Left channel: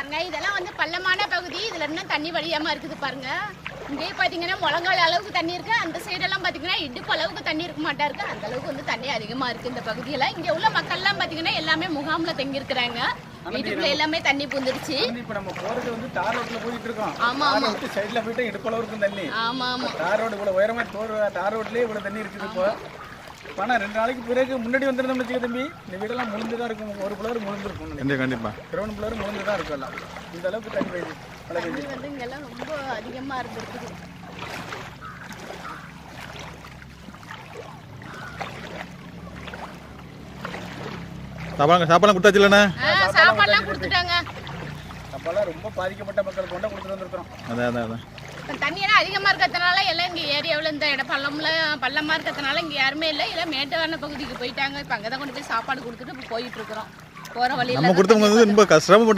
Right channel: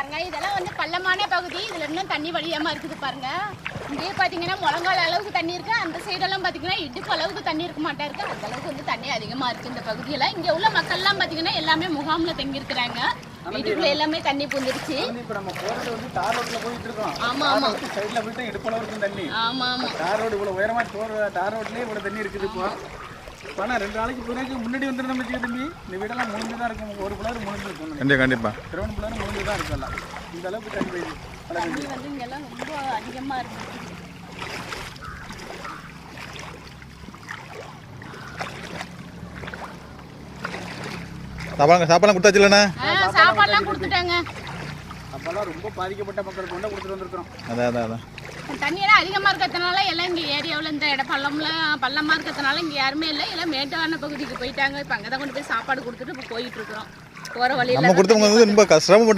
பாருங்க. இதெல்லாம் வந்து பள்ளமான பகுதி. இதுல இன்னும் தண்ணி வழியாம இருக்குது பாருங்க. இங்கேயே பாத்தீங்கன்னா முழங்கால் அளவுக்கு தண்ணி இருக்கு. அந்த சைடெல்லாம் பாத்தீங்கன்னா இடுப்பு அளவுக்கு தண்ணி இருக்க மாட்டா இருக்கு அந்த அளவுக்கு வந்து தண்ணி அதிகமா இருக்கு இந்த பகுதியெல்லாம். இங்க உள்ள மக்கள்லாம் பாத்தீங்கன்னா எல்லாமே முகாம்ல தங்கி இருக்கிறாங்க வீட்டுக்குள்ள எல்லாமே தண்ணி பூந்துருச்சு. இப்போ நம்ம போறது வந்து தார் ரோட்ல போயிட்டு இருக்கோம். ஆமா ஆமா. சைடுல போயிட்டு இடுப்பளவு இருக்கும் தண்ணி. ஆமா ஆமா. தார் ரோடு இவ்வளவு உயரமா போற தார் ரோட்லயே இவ்வளவு தண்ணி இருக்குது இப்போ. ஆனா ரெண்டு நாளைக்கு பிறகு முன்னாடி வந்திருந்தோம் வச்சுக்க தம்பி இந்த வீடெல்லாம் தான் இருக்கும். ஒரு பிள்ளைரு முழுந்து இருக்கும் கண்டிப்பாக கண்டிப்பாக முழுந்து தான் இருக்கும் எல்லாம். இந்த அளவுக்கு தண்ணி போயிடுது மழை பெய்யுது. தண்ணி வந்து இங்கெல்லாம் ரொம்ப அதிகமா இருந்திருக்குது. சாப்பாடு சாப்பாடுலாம் கொடுத்தாச்சு இல்லைண்ணே ஆ, சாப்பாடுலாம் கொடுத்துட்டாங்க. அப்பெல்லாம் ரொம்ப பாதிக்கப்பட்ட மக்களுக்கு கொண்டா கொடுத்துட்டு வந்திருக்கிறோம். அதான் அதான் அதான். தண்ணியெல்லாம் அதிகமாக இருக்கிறதுனால எல்லாம் இங்கே இந்த இடம் பள்ளம்ல பள்ளமாக இருக்கிறதுனால இங்கே யாருமே இல்லை. எல்லாம் மேட்டான பகுதிக்கு போயிட்டாங்க. இப்போ அங்கே தான் கொண்டு போய் சாப்பாடு கொடுத்துட்டு இப்போ போயிட்டு இருக்கிறோம். போகிற வழியில நம்ம கொடுத்தவங்க வந்து ரொம்ப கஷ்டப்பட்டவங்க